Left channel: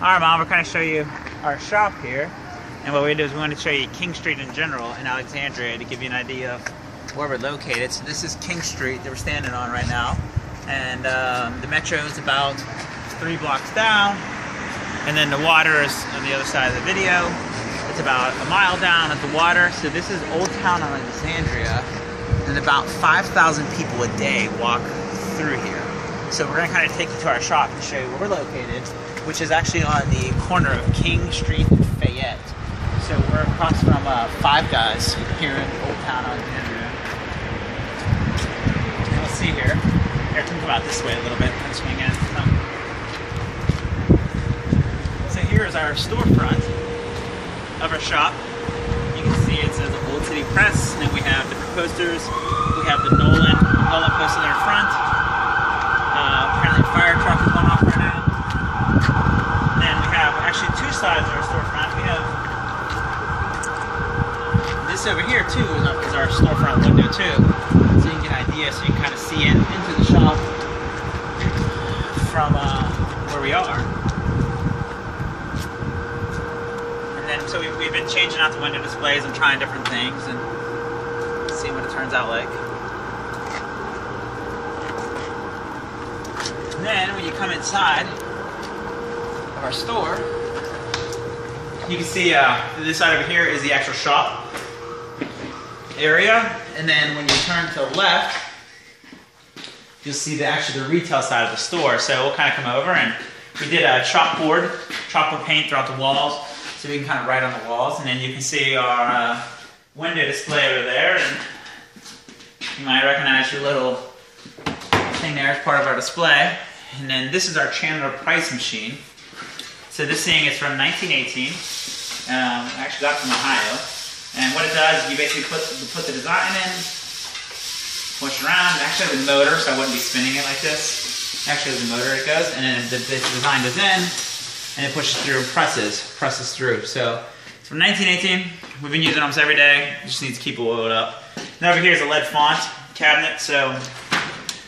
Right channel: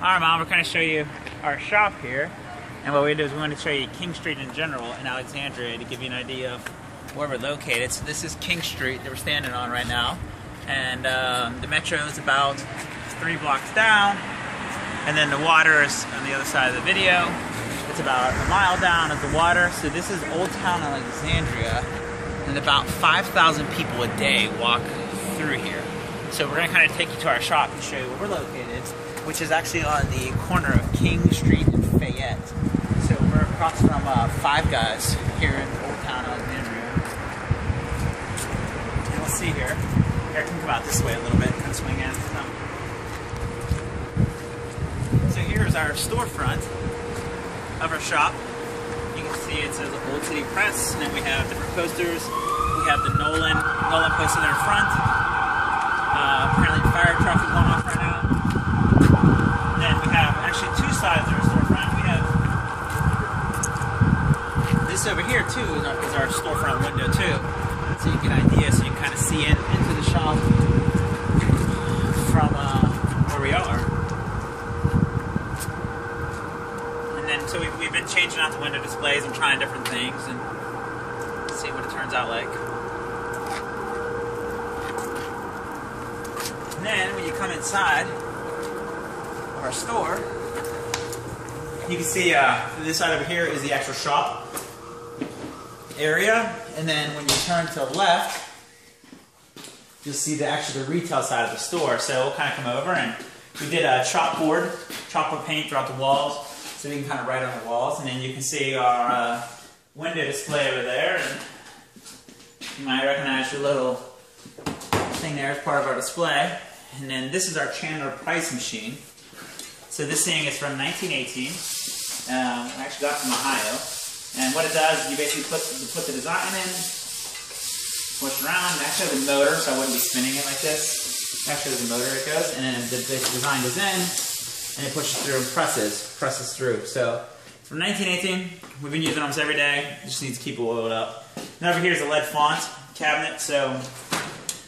Alright, Mom, we're going to show you our shop here. And what we're going to do is we're going to show you King Street in general in Alexandria to give you an idea of where we're located. So this is King Street that we're standing on right now. And the metro is about 3 blocks down. And then the water is on the other side of the video. It's about a mile down at the water. So this is Old Town Alexandria. And about 5,000 people a day walk through here. So we're going to kind of take you to our shop and show you where we're located, which is actually on the corner of King Street and Fayette. So we're across from Five Guys here in Old Town Alexandria. And we'll see here. Here, can come out this way a little bit. Kind of swing in. So here's our storefront of our shop. You can see it says Old City Press, and then we have different posters. We have the Nolan poster in our front. Apparently the fire truck is going off right now. And then we have actually 2 sides of our storefront. We have this over here too is our storefront window too. So you can get an idea, so you can kind of see into the shop from where we are. And then so we've been changing out the window displays and trying different things and seeing what it turns out like. And then when you come inside of our store, you can see this side over here is the actual shop area, and then when you turn to the left, you'll see the retail side of the store. So we'll kind of come over, and we did a chalkboard paint throughout the walls, so we can kind of write on the walls, and then you can see our window display over there, and you might recognize your little thing there as part of our display. And then this is our Chandler price machine. So this thing is from 1918. I actually got it from Ohio. And what it does is you basically put the design in, push around. It actually has a motor, so I wouldn't be spinning it like this. It actually has a motor it goes, and then the design goes in, and it pushes through and presses through. So it's from 1918. We've been using it almost every day. It just needs to keep it oiled up. Now over here is a lead font cabinet. So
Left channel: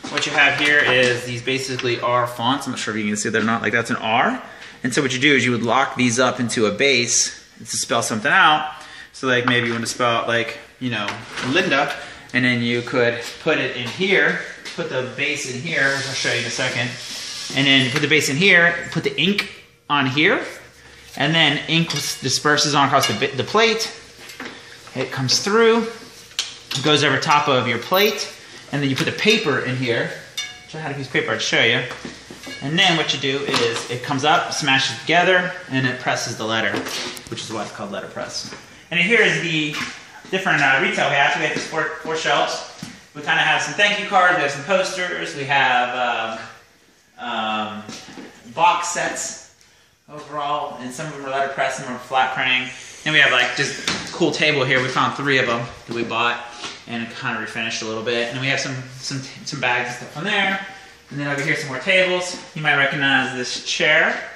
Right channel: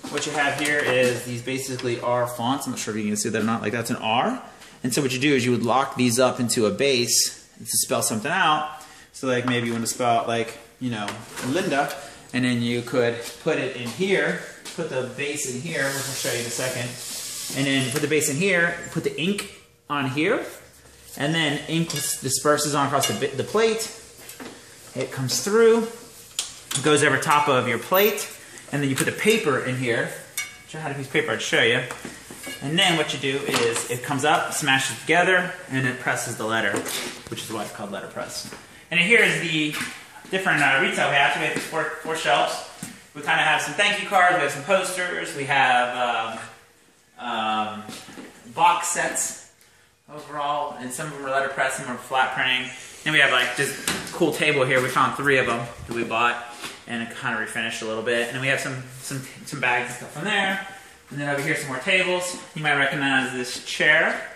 what you have here is these basically R fonts. I'm not sure if you can see that or not. Like that's an R. And so what you do is you would lock these up into a base to spell something out. So like maybe you want to spell out like, you know, Linda, and then you could put it in here, put the base in here, which I'll show you in a second. And then put the base in here, put the ink on here, and then ink disperses on across the plate. It comes through, goes over top of your plate, and then you put the paper in here. I had a piece of paper I'd show you. And then what you do is it comes up, smashes together, and it presses the letter, which is why it's called letterpress. And here is the different retail we have. So we have these four shelves. We kind of have some thank you cards, we have some posters, we have box sets overall, and some of them are letterpress, some are flat printing. And we have like this cool table here. We found 3 of them that we bought, and it kind of refinished a little bit. And then we have some bags and stuff on there. And then over here some more tables. You might recognize this chair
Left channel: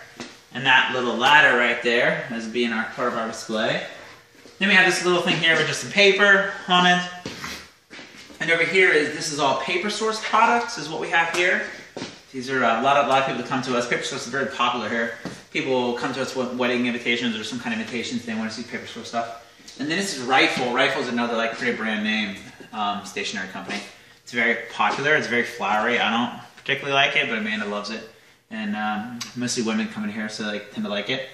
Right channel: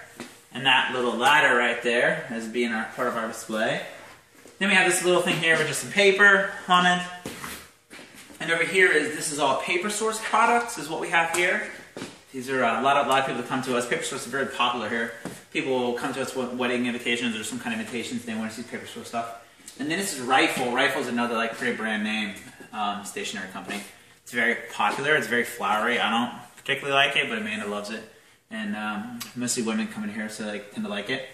and that little ladder right there as being part of our display. Then we have this little thing here with just some paper on it. And over here this is all Paper Source products is what we have here. These are a lot of people that come to us. Paper Source is very popular here. People will come to us with wedding invitations or some kind of invitations. They want to see Paper Source stuff. And then this is Rifle. Rifle is another like pretty brand name stationery company. It's very popular. It's very flowery. I don't particularly like it, but Amanda loves it. And mostly women come in here, so they tend to like it.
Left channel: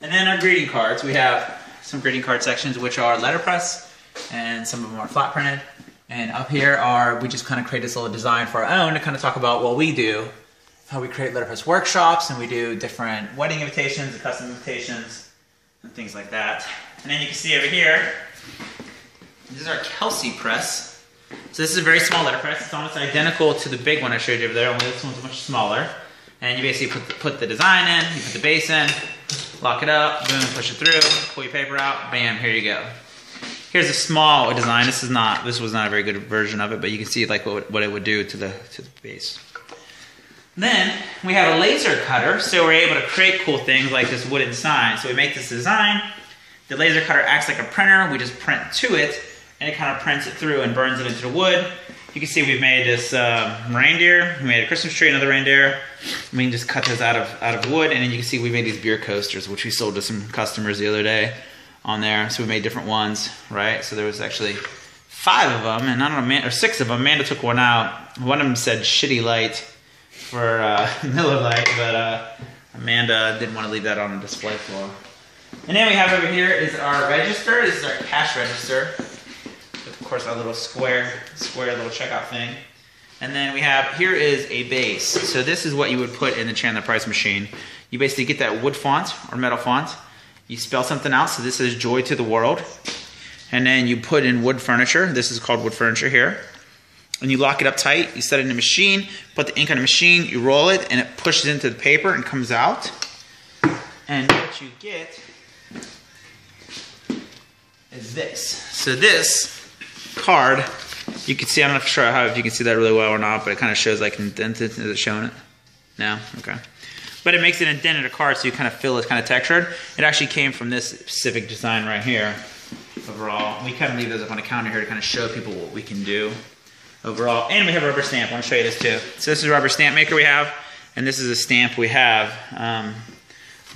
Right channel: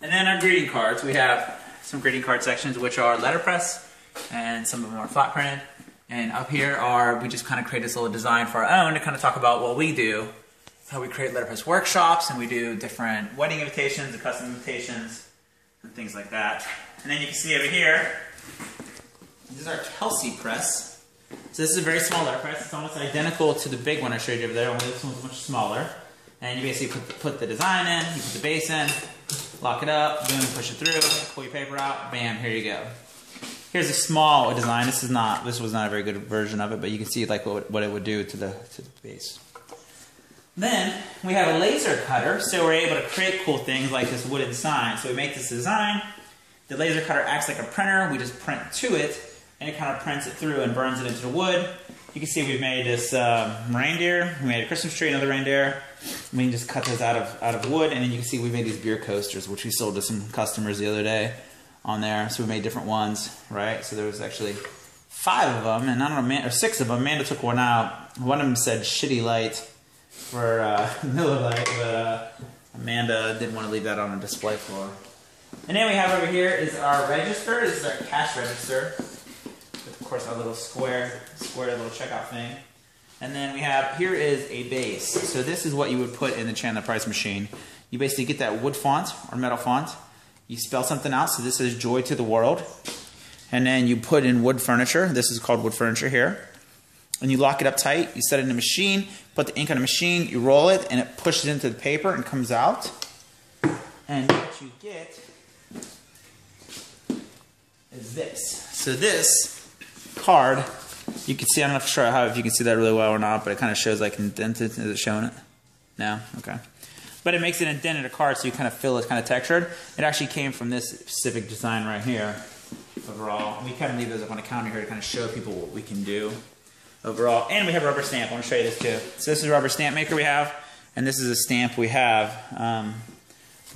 And then our greeting cards. We have some greeting card sections, which are letterpress, and some of them are flat printed. And up here we just kind of created this little design for our own to kind of talk about what we do, how we create letterpress workshops, and we do different wedding invitations and custom invitations and things like that. And then you can see over here, this is our Kelsey press. So this is a very small letterpress. It's almost identical to the big one I showed you over there, only this one's much smaller. And you basically put the design in, you put the base in, lock it up, boom, push it through, pull your paper out, bam, here you go. Here's a small design. This was not a very good version of it, but you can see like what it would do to the base. Then we have a laser cutter, so we're able to create cool things like this wooden sign. So we make this design. The laser cutter acts like a printer. We just print to it, and it kind of prints it through and burns it into the wood. You can see we've made this reindeer. We made a Christmas tree, another reindeer. We can just cut those out of wood, and then you can see we made these beer coasters, which we sold to some customers the other day on there. So we made different ones, right? So there was actually 5 of them, and I don't know, or 6 of them. Amanda took one out. One of them said shitty light for Miller Lite, but Amanda didn't want to leave that on the display floor. And then we have over here is our register. This is our cash register. With, of course, our little square little checkout thing. And then we have, here is a base. So this is what you would put in the Chandler Price machine. You basically get that wood font or metal font. You spell something out. So this is Joy to the World. And then you put in wood furniture. This is called wood furniture here. And you lock it up tight. You set it in the machine, put the ink on the machine, you roll it, and it pushes into the paper and comes out. And what you get is this. So this card, you can see, I'm not sure if you can see that really well or not, but it kind of shows like indented. Is it showing it? No? Okay. But it makes it indented card so you kind of feel it's kind of textured. It actually came from this specific design right here overall. We kind of leave those up on the counter here to kind of show people what we can do overall. And we have a rubber stamp. I'm going to show you this too. So this is a rubber stamp maker we have, and this is a stamp we have.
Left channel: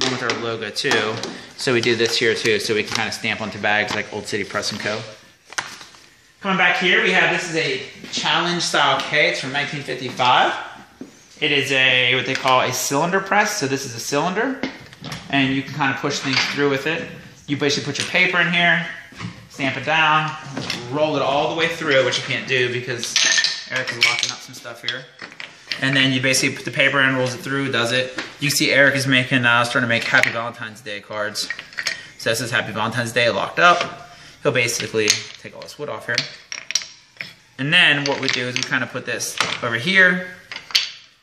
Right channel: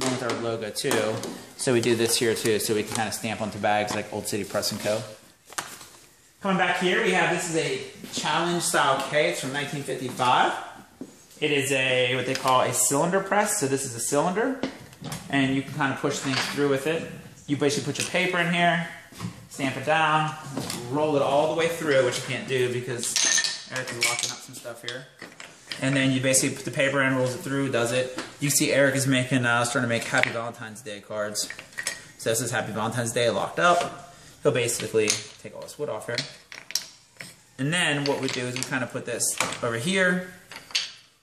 One with our logo too. So we do this here too, so we can kind of stamp onto bags like Old City Press & Co. Coming back here, we have, this is a challenge style K. It's from 1955. It is a, what they call a cylinder press. So this is a cylinder, and you can kind of push things through with it. You basically put your paper in here, stamp it down, roll it all the way through, which you can't do because Eric is locking up some stuff here. And then you basically put the paper in, rolls it through, does it. You see Eric is making, starting to make Happy Valentine's Day cards. So this is Happy Valentine's Day locked up. He'll basically take all this wood off here. And then what we do is we kind of put this over here.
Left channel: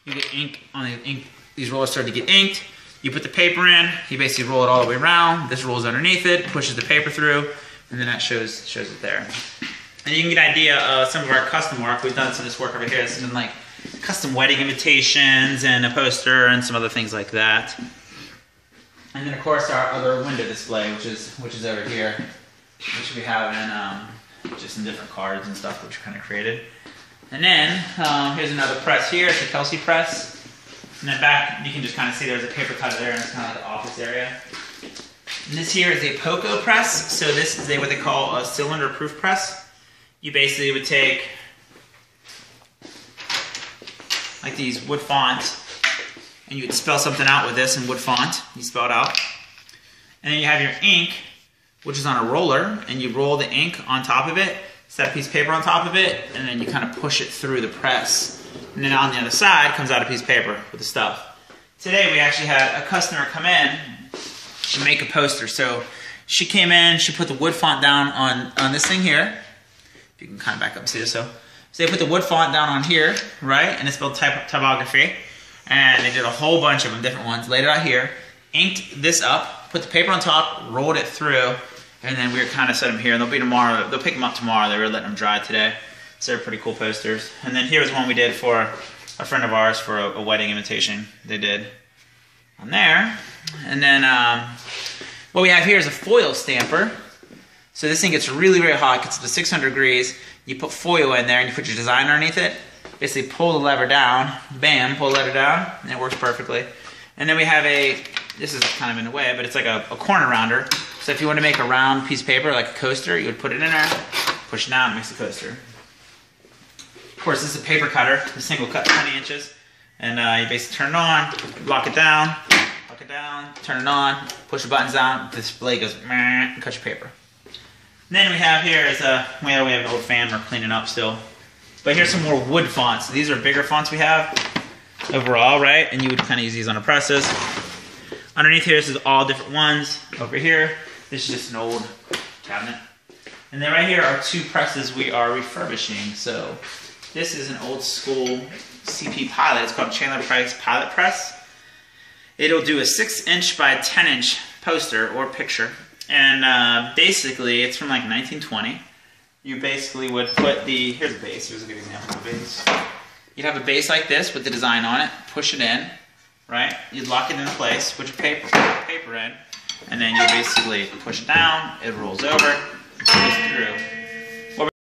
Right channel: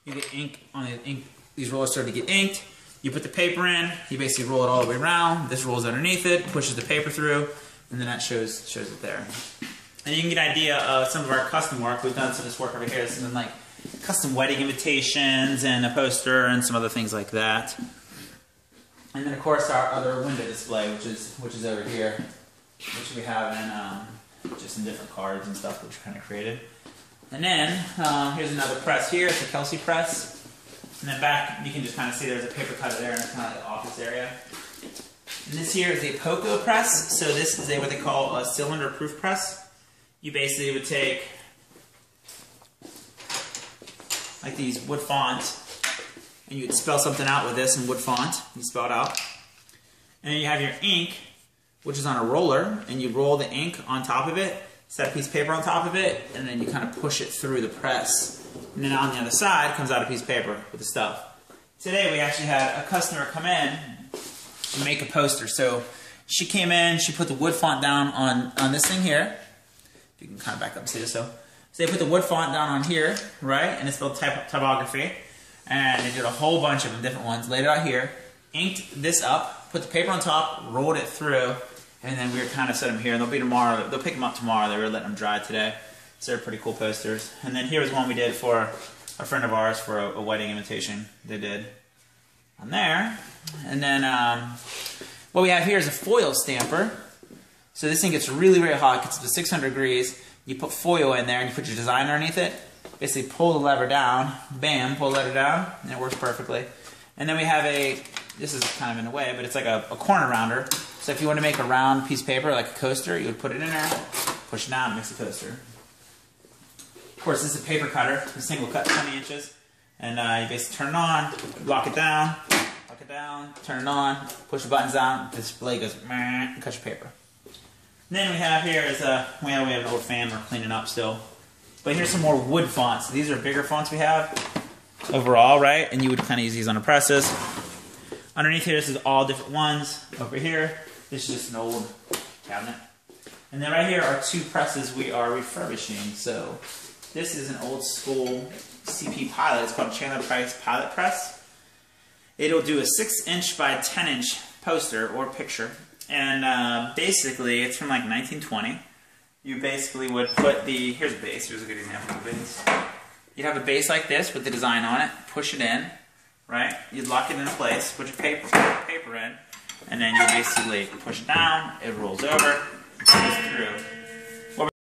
You get ink on the ink. These rollers start to get inked. You put the paper in. You basically roll it all the way around. This rolls underneath it, pushes the paper through, and then that shows it there. And you can get an idea of some of our custom work. We've done some of this work over here. This has been like custom wedding invitations and a poster and some other things like that. And then of course our other window display, which is over here, which we have in just in different cards and stuff, which we kind of created. And then here's another press here. It's a Kelsey press. And then back, you can just kind of see there's a paper cutter there, and it's kind of like the office area. And this here is a Poco press. So this is what they call a cylinder-proof press. You basically would take like these wood fonts, and you would spell something out with this in wood font. You spell it out. And then you have your ink, which is on a roller, and you roll the ink on top of it, set a piece of paper on top of it, and then you kind of push it through the press. And then on the other side comes out a piece of paper with the stuff. Today we actually had a customer come in to make a poster. So she came in, she put the wood font down on this thing here. If you can kind of back up and see this. So they put the wood font down on here, right? And it's spelled typography. And they did a whole bunch of them, different ones. Laid it out here, inked this up, put the paper on top, rolled it through, and then we were kind of set them here. And they'll be tomorrow. They'll pick them up tomorrow. They were letting them dry today. So they're pretty cool posters. And then here's one we did for a friend of ours for a wedding invitation they did on there. And then what we have here is a foil stamper. So this thing gets really, really hot. It gets to 600 degrees. You put foil in there and you put your design underneath it. Basically pull the lever down. Bam, pull the lever down. And it works perfectly. And then we have this is kind of in the way, but it's like a corner rounder. So if you want to make a round piece of paper like a coaster, you would put it in there, push it down, it makes a coaster. Of course, this is a paper cutter. This thing will cut 20 inches. And you basically turn it on, lock it down, turn it on, push the buttons down, this blade goes, and cut your paper. And then we have here is we have an old fan we're cleaning up still. But here's some more wood fonts. These are bigger fonts we have overall, right? And you would kind of use these on the presses. Underneath here, this is all different ones. Over here, this is just an old cabinet. And then right here are 2 presses we are refurbishing. So this is an old school CP Pilot. It's called Chandler Price Pilot Press. It'll do a 6-inch by 10-inch poster or picture. And basically, it's from like 1920. You basically would put here's a base. Here's a good example of a base. You'd have a base like this with the design on it. Push it in, right? You'd lock it into place. Put your paper in. And then you basically push it down. It rolls over. It goes through.